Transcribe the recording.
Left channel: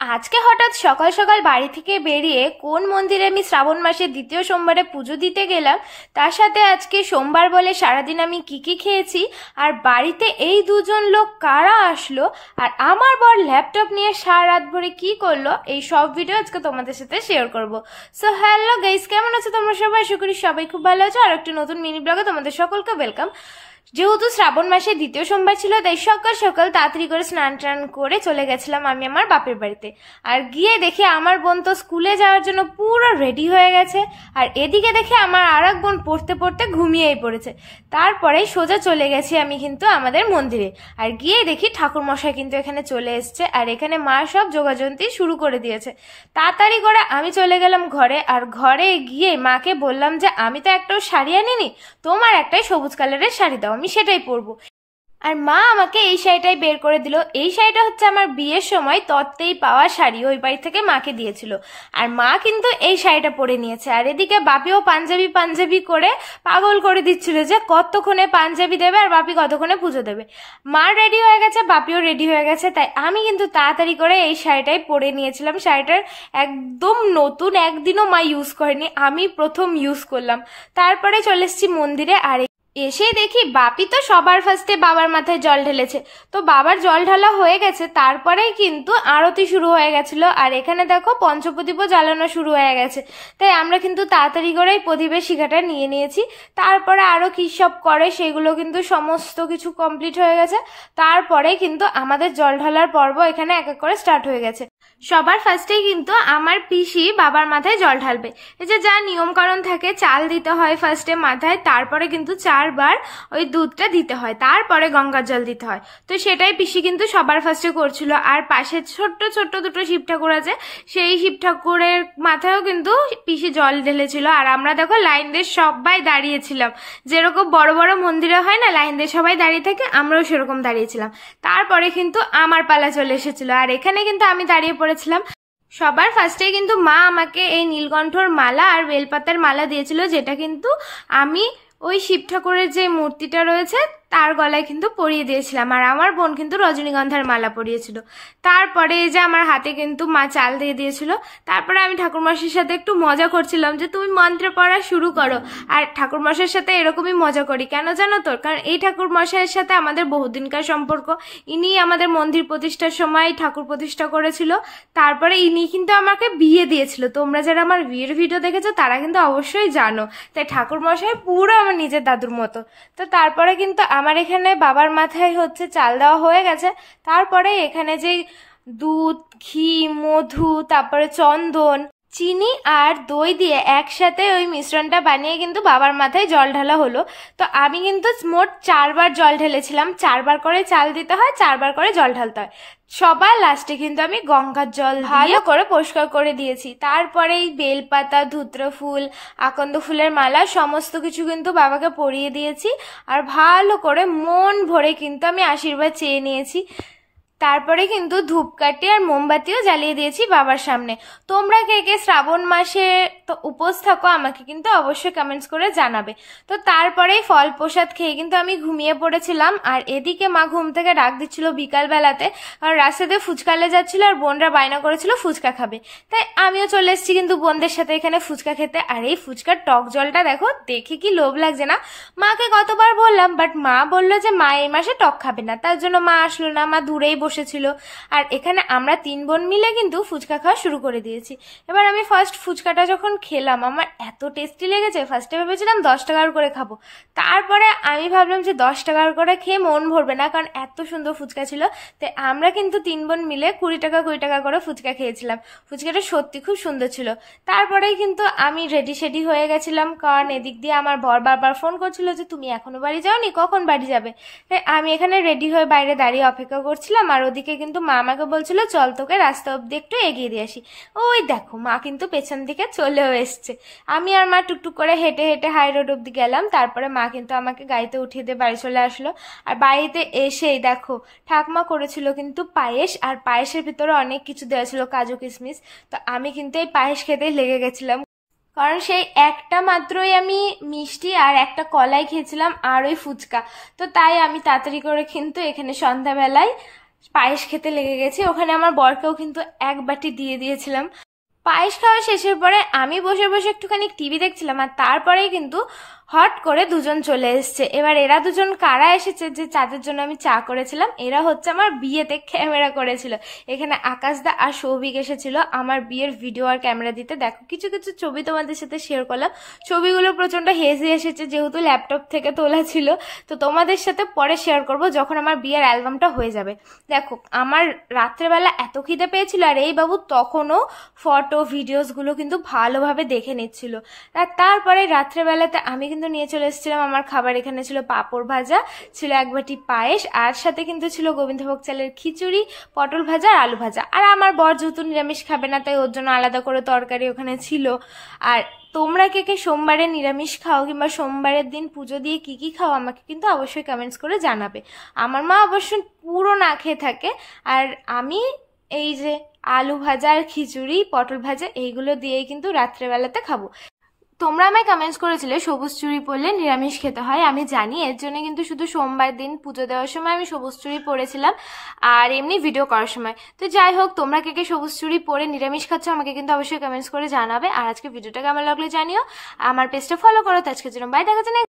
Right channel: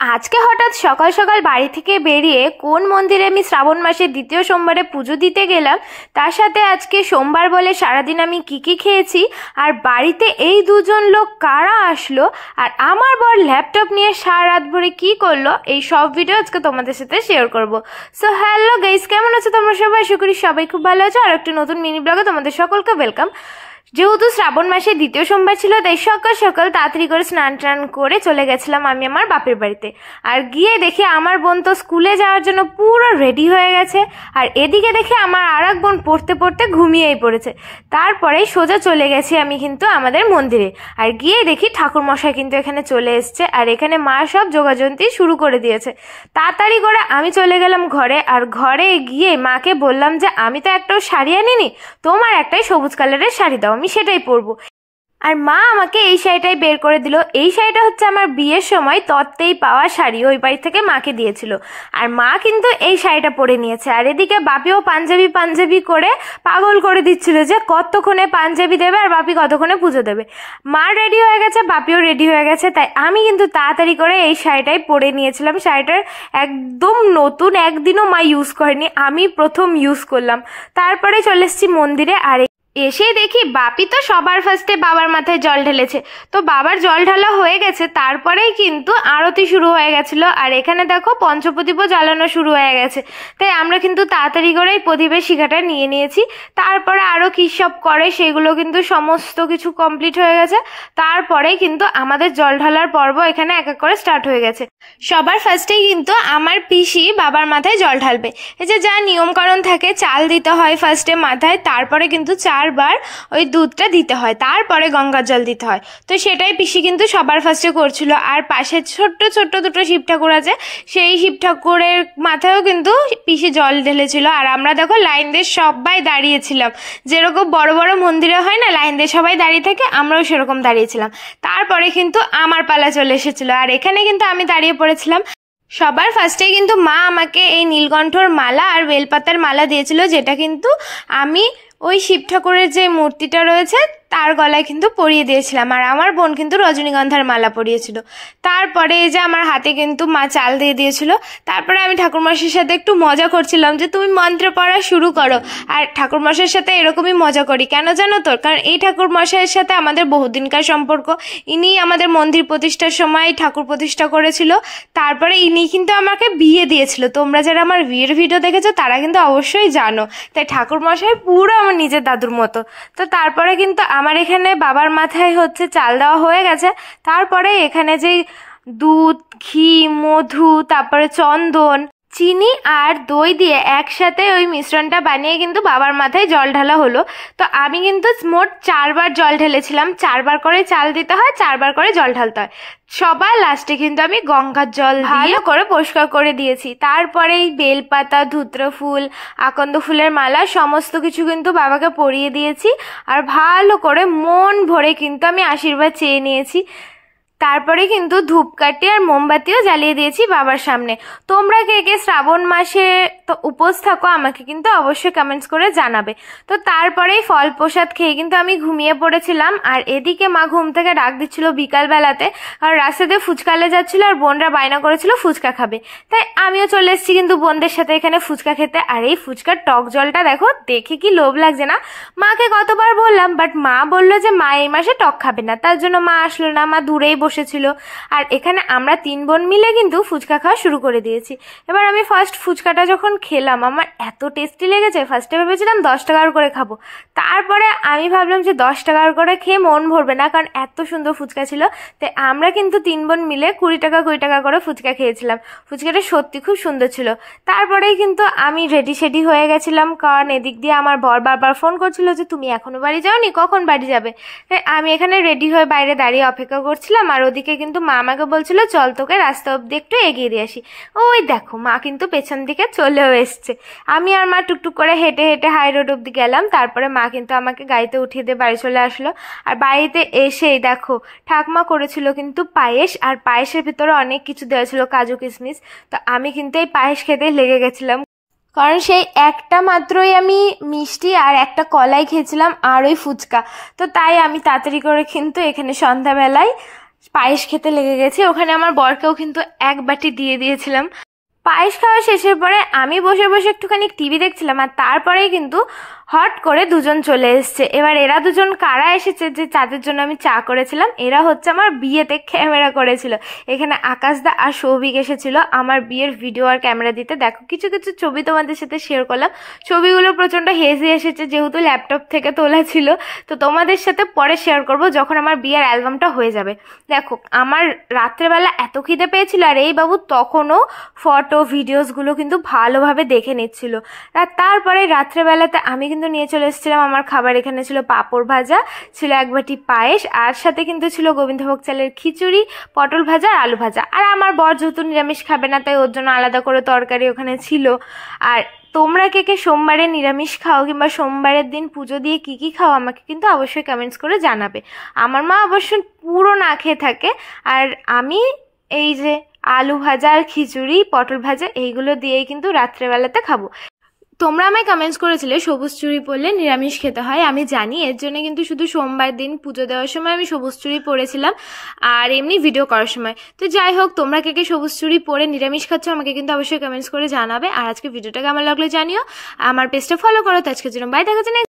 আজকে হঠাৎ সকাল সকাল বাড়ি থেকে বেরিয়ে কোন মন্দিরে আমি শ্রাবণ মাসের দ্বিতীয় সোমবারে পুজো দিতে গেলাম, তার সাথে আজকে সোমবার বলে সারাদিন আমি কি কি খেয়েছি, আর বাড়িতে এই দুজন লোক কারা আসলো, আর আমার বর ল্যাপটপ নিয়ে সারা রাত ভরে কি করলো, এই সব ভিডিও আজকে তোমাদের সাথে শেয়ার করব। সো হ্যালো গাইস, কেমন আছো তোমরা সবাই? আশা করি সবাই খুব ভালো আছো। আর একটা নতুন মিনি ব্লগে তোমাদের সকলকে ওয়েলকাম। যেহেতু শ্রাবণ মাসের দ্বিতীয় সোমবার ছিল, তাই সকাল সকাল তাড়াতাড়ি করে স্নান টান করে চলে গেছিলাম আমি আমার বাপের বাড়িতে। আর গিয়ে দেখি আমার বোন তো স্কুলে যাওয়ার জন্য পুরো রেডি হয়ে গেছে, আর এদিকে দেখে আমার আর এক বোন পড়তে পড়তে ঘুমিয়েই পড়েছে। তারপরে সোজা চলে গেছি আমি কিন্তু আমাদের মন্দিরে, আর গিয়ে দেখি ঠাকুর মশাই কিন্তু এখানে চলে এসছে, আর এখানে মা সব যোগাযন্ত্রী শুরু করে দিয়েছে। তাড়াতাড়ি করে আমি চলে গেলাম ঘরে, আর ঘরে গিয়ে মাকে বললাম যে আমি তো একটাও শাড়ি আনিনি, তোমার একটাই সবুজ কালারের শাড়ি দাও, আমি সেটাই পরবো। আর মা আমাকে এই শাড়িটাই বের করে দিল। এই শাড়িটা হচ্ছে আমার বিয়ের সময় তত্ত্বেই পাওয়া শাড়ি, ওই বাড়ি থেকে মাকে দিয়েছিল। আর মা কিন্তু এই শাড়িটা পরে নিয়েছে, আর এদিকে বাপিও পাঞ্জাবি পাঞ্জাবি করে পাগল করে দিচ্ছিল যে কতক্ষণে পাঞ্জাবি দেবে আর বাপি কতক্ষণে পুজো দেবে। মা রেডি হয়ে গেছে, বাপিও রেডি হয়ে গেছে, তাই আমি কিন্তু তাড়াতাড়ি করে এই শাড়িটাই পরে নিয়েছিলাম। শাড়িটার একদম নতুন, একদিনও মা ইউজ করেনি, আমি প্রথম ইউজ করলাম। তারপরে চলে এসেছি মন্দিরে, আর এসে দেখি বাপি তো সবার ফার্স্টে বাবার মাথায় জল ঢেলেছে। তো বাবার জল ঢালা হয়ে গেছে, তারপরেই কিন্তু আরতি শুরু হয়ে গেছিল, আর এখানে দেখো পঞ্চপ্রদীপও জ্বালানো শুরু হয়ে গেছে। তাই আমরা কিন্তু তাড়াতাড়ি করেই প্রদীপের শিখাটা নিয়ে নিয়েছি। তারপরে আরো কি সব করে সেগুলো কিন্তু সমস্ত কিছু কমপ্লিট হয়ে গেছে। তারপরে কিন্তু আমাদের জল ঢালার পর্ব এখানে এক এক করে স্টার্ট হয়ে গেছে। সবার ফার্স্টেই কিন্তু আমার পিসি বাবার মাথায় জল ঢালবে। এই যে যা নিয়মকানুন থাকে, চাল দিতে হয় ফার্স্টে মাথায়, তারপরে কিন্তু 4 বার ওই দুধটা দিতে হয়, তারপরে গঙ্গার জল দিতে হয়। তো সেটাই পিসি কিন্তু সবার ফার্স্টে করছিল। আর পাশে ছোট্ট ছোট্ট দুটো শিব ঠাকুর আছে, সেই শিব ঠাকুরের মাথায়ও কিন্তু পিসি জল ঢেলেছিল। আর আমরা দেখো লাইন দিয়ে সবাই দাঁড়িয়েছিলাম, যেরকম বড় বড় মন্দিরে হয় না লাইন দিয়ে সবাই দাঁড়িয়ে থাকে, আমরাও সেরকম দাঁড়িয়েছিলাম। তারপরে কিন্তু আমার পালা চলে এসেছিল, আর এখানে কিন্তু আমি দাঁড়িয়ে পড়েছিলাম। সবার ফার্স্টে কিন্তু মা আমাকে এই নীলকণ্ঠর মালা আর বেলপাতার মালা দিয়েছিল, যেটা কিন্তু আমি ওই শিব ঠাকুরের যে মূর্তিটা রয়েছে তার গলায় কিন্তু পরিয়ে দিয়েছিলাম, আর আমার বোন কিন্তু রজনীগন্ধার মালা পরিয়েছিল। তারপরে এই যে আমার হাতে কিন্তু মা চাল দিয়ে দিয়েছিল। তারপরে আমি ঠাকুরমশাইয়ের সাথে একটু মজা করছিলাম যে তুমি মন্ত্র পড়া শুরু করো। আর ঠাকুরমশাইয়ের সাথে এরকমই মজা করি, কেন জানো তো? কারণ এই ঠাকুরমশাইয়ের সাথে আমাদের বহুদিনকার সম্পর্ক। ইনি আমাদের মন্দির প্রতিষ্ঠার সময় ঠাকুর প্রতিষ্ঠা করেছিল, তারপরে ইনি কিন্তু আমাকে বিয়ে দিয়েছিল। তোমরা যারা আমার বিয়ের ভিডিও দেখেছো তারা কিন্তু অবশ্যই জানো। তাই ঠাকুরমশাই পুরো আমার নিজের দাদুর মতো। তো তারপরে কিন্তু আমার এখানে বাবার মাথায় হচ্ছে চাল দেওয়া হয়ে গেছে। তারপরে এখানে যে দুধ, ঘি, মধু, তারপরে চন্দন, চিনি আর দই দিয়ে একসাথে ওই মিশ্রণটা বানিয়ে কিন্তু বাবার মাথায় জল ঢালা হলো। তো আমি কিন্তু মোট 4 বার জল ঢেলেছিলাম। 4 বার করে চাল দিতে হয়, 4 বার করে জল ঢালতে হয়। সবার লাস্টে কিন্তু আমি গঙ্গার জল ভালো করে পরিষ্কার করে দিয়েছি। তারপরে বেলপাতা, ধুত্র ফুল, আকন্দ ফুলের মালা সমস্ত কিছু কিন্তু বাবাকে পরিয়ে দিয়েছি, আর ভালো করে মন ভরে কিন্তু আমি আশীর্বাদ চেয়ে নিয়েছি। তারপরে কিন্তু ধূপকাঠি আর মোমবাতিও জ্বালিয়ে দিয়েছি বাবার সামনে। তোমরা কে কে শ্রাবণ মাসে তো উপোস থাকো আমাকে কিন্তু অবশ্যই কমেন্টস করে জানাবে। তো তারপরেই ফল প্রসাদ খেয়ে কিন্তু আমি ঘুমিয়ে পড়েছিলাম। আর এদিকে মা ঘুম থেকে ডাক দিচ্ছিল বিকালবেলাতে, আর রাস্তাতে ফুচকালে যাচ্ছিল, আর বোনরা বায়না করেছিল ফুচকা খাবে। তাই আমিও চলে এসেছি কিন্তু বোনদের সাথে এখানে ফুচকা খেতে। আর এই ফুচকার টক জলটা দেখো, দেখে কি লোভ লাগছে না? মাকে কতবার বললাম, বাট মা বললো যে মা এই মাসে টক খাবে না, তার জন্য মা আসলো না, মা দূরেই বসেছিল। আর এখানে আমরা 3 বোন মিলে কিন্তু ফুচকা খাওয়া শুরু করে দিয়েছি। এবার আমি ফার্স্ট ফুচকাটা যখন খেলাম আমার এত টেস্টি লেগেছে, ফার্স্টে ভেবেছিলাম 10 টাকার করে খাবো। তারপরে আমি ভাবলাম যে 10 টাকার করে খেয়ে মন ভরবে না, কারণ এত সুন্দর ফুচকা ছিল। তাই আমরা কিন্তু 3 বোন মিলে 20 টাকা 20 টাকা করে ফুচকা খেয়েছিলাম। ফুচকাটা সত্যি খুব সুন্দর ছিল। তারপরেই কিন্তু আমি রেডি সেডি হয়ে গেছিলাম, কারণ এদিক দিয়ে আমার বর বারবার ফোন করছিল যে তুমি এখনো বাড়ি যাওনি, কখন বাড়ি যাবে? তাই আমি এখানে রেডি হয়ে বাইরে দাঁড়িয়ে অপেক্ষা করছিলাম। আর ওদিকে কিন্তু মা আমাকে বলছিল চল তোকে রাস্তা অব্দি একটু এগিয়ে দিয়ে আসি। ওই দেখো মা কিন্তু পেছন দিকে চলেও এসছে। আমি আর মা টুকটুক করে হেঁটে হেঁটে হাই রোড অব্দি গেলাম। তারপরে মা কিন্তু আমাকে গাড়িতে উঠিয়ে দিয়ে বাড়ি চলে আসলো। আর বাড়িতে এসেই দেখো ঠাকমা করেছিল কিন্তু পায়েস, আর পায়েসের ভিতরে অনেক কিছু দেওয়া ছিল, কাজু কিশমিশ। তো আমি কিন্তু এই পায়েস খেতেই লেগে গেছিলাম, কারণ সেই একটা মাত্রই আমি মিষ্টি আর একটা কলাই খেয়েছিলাম আর ওই ফুচকা। তো তাই আমি তাড়াতাড়ি করে কিন্তু এখানে সন্ধ্যাবেলায় পায়েস খেতে লেগে গেছি। ওখানে আমার বরকেও কিন্তু এক বাটি দিয়ে দিয়েছিলাম। পায়েস খাওয়া শেষের পরে আমি বসে বসে একটুখানি টিভি দেখছিলাম, আর তারপরেই কিন্তু হট করে দুজন চলে এসছে। এবার এরা দুজন কারা এসেছে যে যাদের জন্য আমি চা করেছিলাম, এরা হচ্ছে আমার বিয়েতে ক্যামেরা করেছিল। এখানে আকাশদা আর সৌভিক এসেছিল আমার বিয়ের ভিডিও আর ক্যামেরা দিতে। দেখো কিছু কিছু ছবি তোমাদের সাথে শেয়ার করলাম। ছবিগুলো প্রচন্ড হেজি এসেছে যেহেতু ল্যাপটপ থেকে তোলা ছিল, তো তোমাদের সাথে পরে শেয়ার করব যখন আমার বিয়ের অ্যালবামটা হয়ে যাবে। দেখো আমার রাত্রেবেলা এত খিদে পেয়েছিল, আর এই বাবু তখনও ফটো ভিডিওসগুলো কিন্তু ভালোভাবে দেখে নিচ্ছিল। আর তারপরে রাত্রেবেলাতে আমি কিন্তু নিয়ে চলে এসেছিলাম আমার খাবার। এখানে ছিল পাঁপড় ভাজা, ছিল এক বাটি পায়েস, আর সাথে কিন্তু ছিল গোবিন্দভোগ চালের খিচুড়ি, পটল ভাজা আর আলু ভাজা। আর আমার বর যেহেতু নিরামিষ খাবে না, তাই ওর জন্য আলাদা করে তরকারি ওখানে ছিল। আর তোমরা কে কে সোমবারে নিরামিষ খাও কিংবা সোমবারের দিন পুজো দিয়ে কি কি খাও আমাকে কিন্তু অবশ্যই কমেন্টস করে জানাবে। আমার মা অবশ্যই পুরো না খেয়ে থাকে, আর আমি এই যে আলু ভাজা আর খিচুড়ি পটল ভাজা এইগুলো দিয়েই কিন্তু রাত্রেবেলাতে খাবো। তোমরা আমায় কমেন্টস করেছিলে সবুজ চুড়ি পরলে নিরামিষ খেতে হয়। আমি জানি, এর জন্য কিন্তু শুধু সোমবার দিন পুজো দেওয়ার সময় আমি সবুজ চুড়ি পরেছিলাম, আর এমনি ভিডিও করার সময়। তো যাই হোক, তোমরা কে কে সবুজ চুড়ি পরে নিরামিষ খাচ্ছ আমাকে কিন্তু অবশ্যই কমেন্টস করে জানাবে। আর আজকে ভিডিওটা কেমন লাগলো জানিও, আমার পেজটা ফলো করো। তো আজকের জন্য বাই, দেখা যাচ্ছে।